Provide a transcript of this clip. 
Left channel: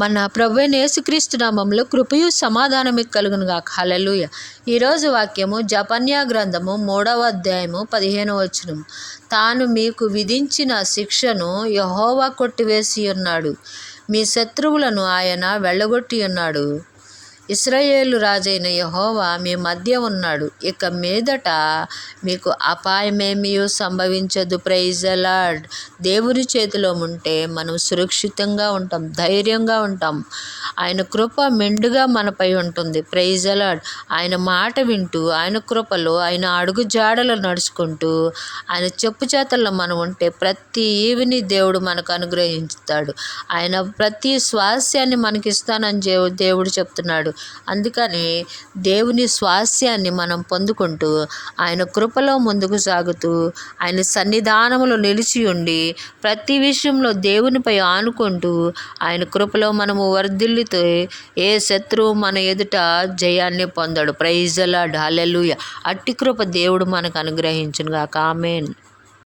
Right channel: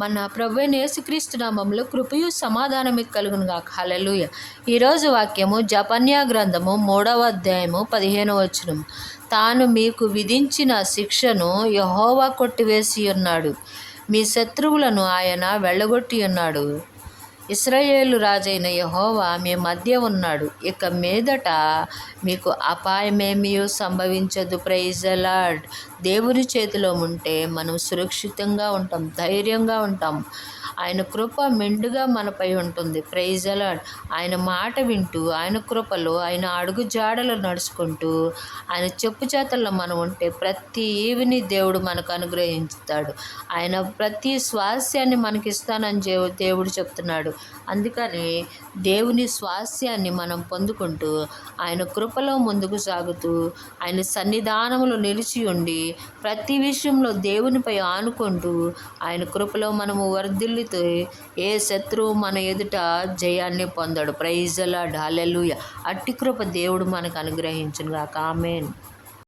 మన ప్రభువైన యేసుక్రీస్తు నామములో కృపయు సమాధానము కలుగును గాక. హల్లెలూయా. ఈరోజు వాక్యము జపన్యా గ్రంథము 3వ అధ్యాయము 15వ వచనము. తాను మీకు విధించిన శిక్షను యెహోవా కొట్టివేసి ఉన్నాడు, మీ శత్రువులను ఆయన వెళ్ళగొట్టి ఉన్నాడు. ఇశ్రాయేలు రాజైన యెహోవా మీ మధ్య ఉన్నాడు, ఇక మీదట మీకు అపాయమేమీ సంభవించదు. Praise the Lord. దేవుని చేతిలో ఉంటే మనం సురక్షితంగా ఉంటాం, ధైర్యంగా ఉంటాం. ఆయన కృప మెండుగా మనపై ఉంటుంది. Praise the Lord. ఆయన మాట వింటూ, ఆయన కృపలో, ఆయన అడుగు జాడలు నడుచుకుంటూ, ఆయన చెప్పు చేతల్లో మనం ఉంటే ప్రతి ఈవిని దేవుడు మనకు అనుగ్రహిస్తాడు. ఆయన ప్రతి స్వాస్యాన్ని మనకిస్తానని దేవుడు చెప్తున్నాడు. అందుకని దేవుని స్వాస్యాన్ని మనం పొందుకుంటూ, ఆయన కృపలో ముందుకు సాగుతూ, ఆయన సన్నిధానంలో నిలిచి ఉండి, ప్రతి విషయంలో దేవునిపై ఆనుకుంటూ, ఆయన కృపలో మనము వర్ధిల్లుతూ ఏ శత్రువు మన ఎదుట జయాన్ని పొందాడు. Praise the Lord. హల్లెలూయా. అట్టి కృప దేవుడు మనకు అనుగ్రహించును గాక. ఆమేన్.